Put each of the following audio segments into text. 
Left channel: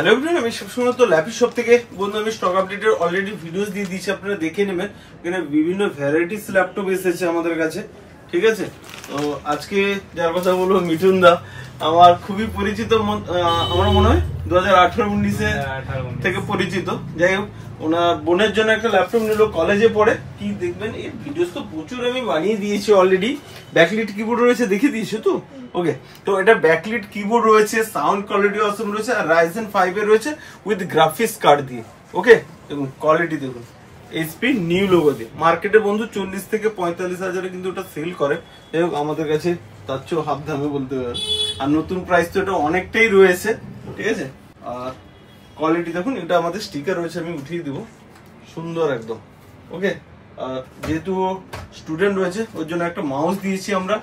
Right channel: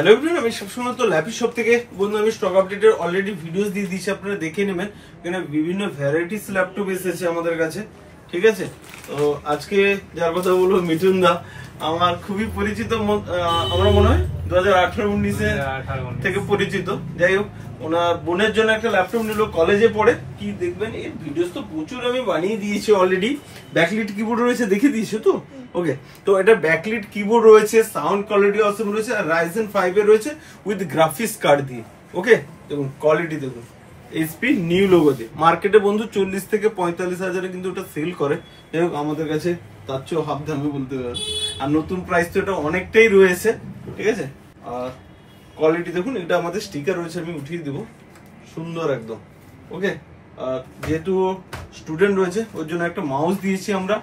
Hello everyone, আমি সবসময় তো ল্যাপি শপ থেকে বন্ধু আমি স্টক আপডেটের অলরেডি ভিডিওস দিয়ে দিয়েছি, আপনারা দেখে নেবেন। এখানে বিভিন্ন ভ্যারাইটিস ল্যাপটপ এসেছে আমাদের কাছে, ঠিক আছে। তো আজকে যার কথা বলবো মিঠুন দা, আমার খুবই পরিচিত, আমার মনে হয় 2018-19 থেকে পরিচিত। যাই হোক, ওনার বোনের জন্য একটা ল্যাপটপ নিল, কলেজে পড়ে। কি দেখবেন, এই ভিডিওস তো প্রচুর আমি বানিয়ে দিয়েছি অলরেডি। ব্যাকলিট কিবোর্ড রয়েছে, দেখিয়ে দিয়েছো তো? ওকে, তো এটা ব্যাকলিট কিবোর্ড রয়েছে, সাউন্ড কোয়ালিটি অসম রয়েছে, আর Ryzen 5 এর রয়েছে উইথ গ্রাফিক্স কার্ড দিয়ে। ওকে, দেখুন কোয়ালিটি দেখুন, এইচপি নিউ লোগো দিয়ে। মার্কেটে বন্ধু 40 থেকে 45 হাজারে কিন্তু ওটা সেল করে। যাই হোক, আমাদের কাছে তার চেয়েও হাফ দামে বলতে পারেন। আর নতুন প্রাইস তো এটা অনেকটাই রয়েছে, ঠিক আছে। আর কোয়ালিটি দেখুন, এটা আমাদের স্টিকার রয়েছে, আমি উঠিয়ে দিব, সুন্দর একদম। ওকে, আর যেহেতু স্টুডেন্ট রয়েছে ওর জন্য একটা মাউস দিয়েছি আমরা।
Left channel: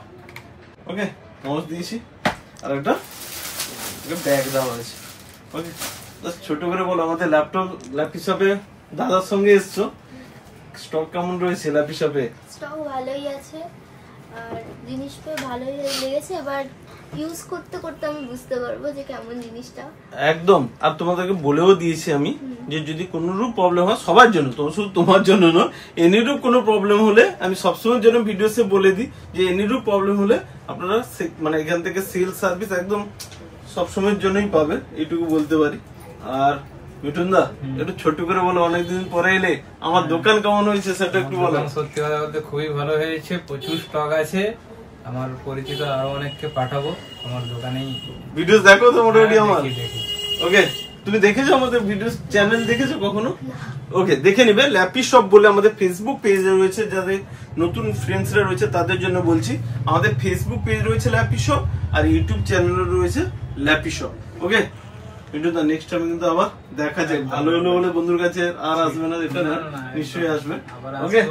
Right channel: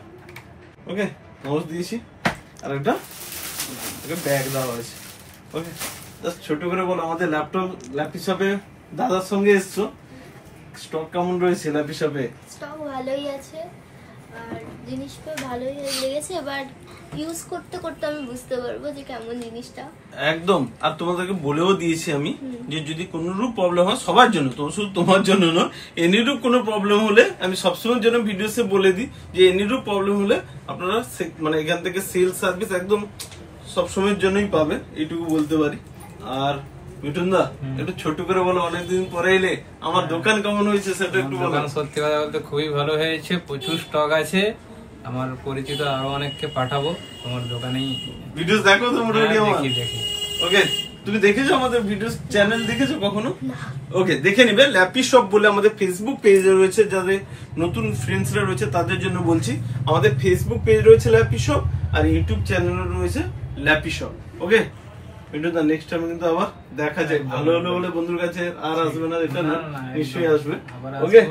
ওকে, মাউস দিয়েছি, আর একটা ব্যাগ দেওয়া হয়েছে। ওকে, জাস্ট ছোট করে বলো, আমাদের ল্যাপ হিসাবে দাদার সঙ্গে এসছো, স্টক কেমন রয়েছে ল্যাপ হিসাবে? স্টক ভালোই আছে, আর জিনিস পেয়ে ভালোই লেগেছে। এবার ইউজ করতে করতে আমি বুঝতে পারবো যে কেমন জিনিসটা। একদম। আর তোমাদেরকে বলেও দিয়েছি আমি যে যদি কোনো রূপ প্রবলেম হয়, সবার জন্য, তো শুধু তোমার জন্য নয়, এনিরূপ কোনো প্রবলেম হলে আমি সবসময়ের জন্য ভিডিওসে বলে দিই যে এনিরূপ প্রবলেম হলে আপনারা মানে এখান থেকে সেল সার্ভিস একদম সবসময়ের জন্যই পাবে, এইটুকু বলতে পারি। আর মিঠুন দা, একটু ছোট করে বলো, অনেকদিন পরে এলে, আমার দোকান কেমন হয়েছে সেটা একটু বলো। সত্যি কথা বলতে খুবই ভালো হয়েছে, প্রচুর স্টক আছে। আমার পরিচিত আরো অনেককে পাঠাবো আমার দোকানেই। ভিডিওস দেখো তো মোটামুটি আমার? দেখি। ওকে, তুমি দেখেছো আমাদের ভিডিও চ্যানেল, দেখেছো কখনো? ওকে, দেখে নিবে। ল্যাপি শপ বলে আমাদের ফেসবুক পেজ রয়েছে, যাদের নতুন ফ্রেন্ডসরা রয়েছে তাদের জন্য বলছি। আমাদের ফেসবুক পেজ রয়েছে ল্যাপি শপ, আর ইউটিউব চ্যানেল রয়েছে ল্যাপি শপ। ওকে, কিন্তু তার নেক্সট টাইম কিন্তু আবার দেখা যায়। ভালো হলো বলে বন্ধুর কাছে আর আসবে না, এটা না, নিশ্চয়ই আসবে। ওকে,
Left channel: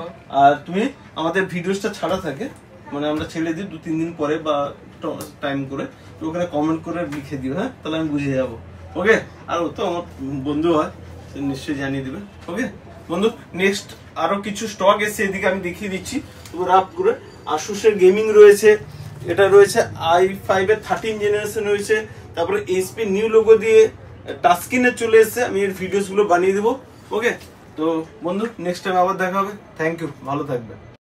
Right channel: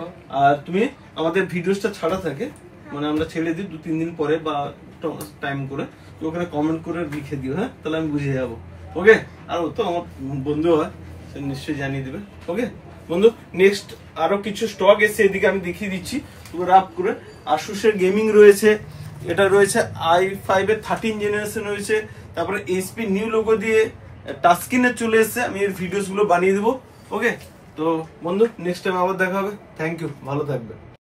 আর তুমি আমাদের ভিডিওসটা ছাড়া থাকে, মানে আমরা ছেড়ে দিই 2-3 দিন পরে বা টাইম করে, তো ওখানে কমেন্ট করে লিখে দিও, হ্যাঁ, তাহলে আমি বুঝে যাবো। ওকে, আর ও তো আমার বন্ধু হয়, সে নিশ্চয়ই জানিয়ে দিবে। ওকে বন্ধু, নেক্সট আরো কিছু স্টক এসে এদিকে আমি দেখিয়ে দিচ্ছি রাপ করে। আসুসের গেমিং রয়েছে, এটা রয়েছে i5 এর 13 জেনারেশন রয়েছে। তারপরে এইচপি নিউ লোগো দিয়ে টাচ স্ক্রিনে চলে এসেছে, আমি এর ভিডিওস গুলো বানিয়ে দিব। ওকে, তো বন্ধু নেক্সট টাইম আবার দেখা হবে। থ্যাংক ইউ, ভালো থাকবে।